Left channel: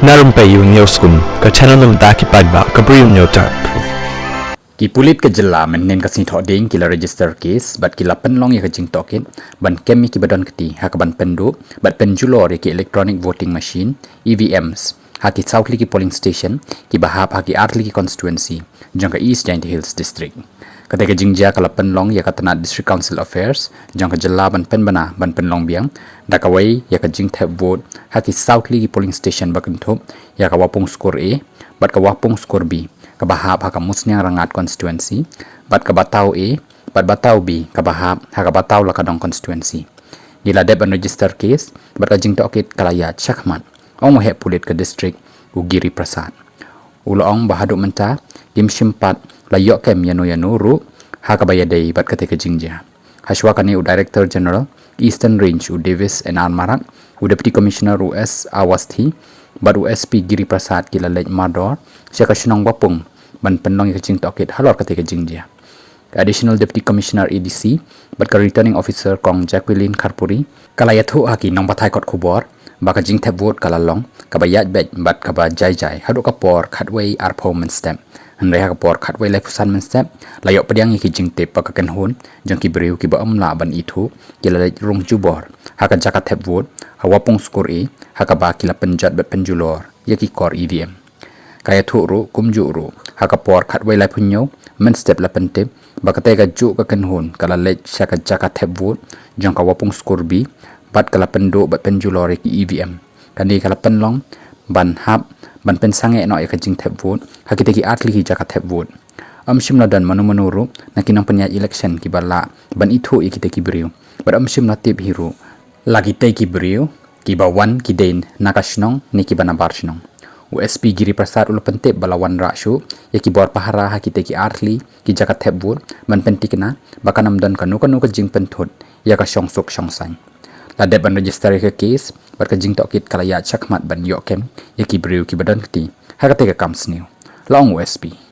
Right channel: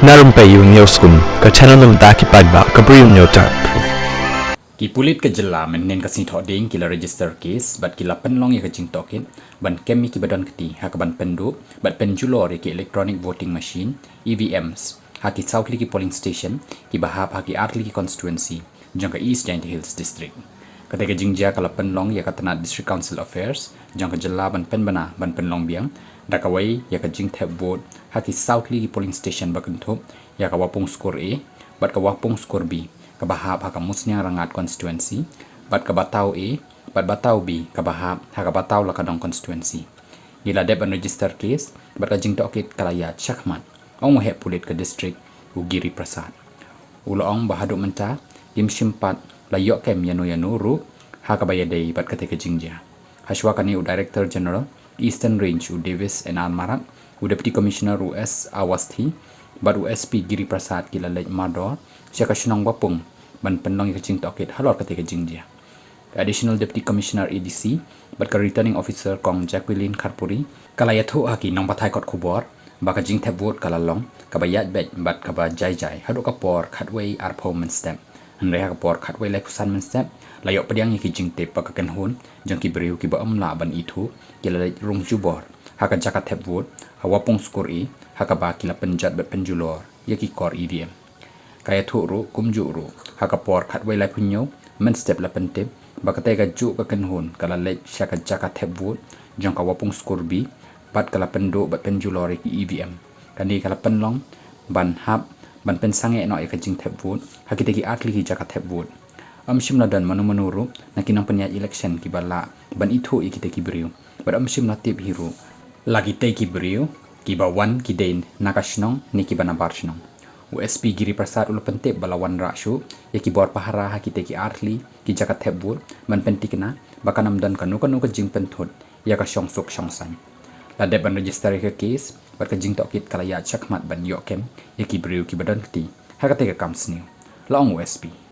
Na Rympei U Hynñiewtrep ke channel nabynta ki paidbah ke Bri U Hynñiewtrep. Ki pulit ke jela mynin kasi thoding kila register case bat kila penlong ya kajing token ban kemi ki badon keti hak ban pendo bat pynjulor ki electronic voting machine EVMs haki southli ki polling station ki bahap haki artli ki constituency jangka East Giant Hills district ketika jingja kala penlong ya katana district council affairs jangka jela ban penbana ban penlong biang dakawai ya kajing tap vote haki southli ki polling station bakenthop ya kawapung skor A bat kawapung skor B kabahap haka musnya rangat constituency bat kabatau A bat batau B kabahap haka batau lakadong constituency gila deb register case bat kajing tokit kalaya chakmat ong he pulit ke district ugiri prasad ulong bahaduk menta kim simpat layok kem yanu ru haka bayadai bat ketika jingja haswakani u director general eastern range u davis and almarak u deputy commissioner us awasthi bat USP giri prasad kila lej mador siaka sinong wapung ban penlong yang kecing tokit halor ketika jingja additional deputy commissioner EDC bat ka returning officer kong Jacqueline Karpuri kala yathu haki nong bathai kot khubor baka jing tap vote kala long kabayat bet bat kaba jai hadu kapor khatway performance step andre ha kapor khatway life assignment step layok pediang ki jing tep baka kan hun jong ki briew ki ba amla ban ithu kila rung jubor haka jakat tap vote hawapung skor e haka ba kila penjat bet pynjulor yaki kor EVM kaya thuru kumjuru haka por khatway lai punyo men step la pentep bakate ga ju ka kenhun kala lej shaka jaka thep vote jong ka wapung skor B bat kala pendo bat pynjulor ki EVM kandi kala penlong ban hap ban pen sange no ka jing thep vote hakite ki atli ki jaka thep vote shimla dan manu ru nakinang penya election ki bala ban ithu ikite ki briew bat shimla tip hero lagi te ki briew ki ba wan ki den nakashnong ni ki bana barshnong USP giri prasad ulu pentip balawan rakshu yaki bor pahara hakite ki artli ki jakat thebur man pentikna bakanam dan kanu ke jing penthut ya ka shongsuk shongsang la deb ban register ke case bar ka jing tokit kala ya chakmat ban yokem yaki briew ki badan kti hakate ka kamsniu long USP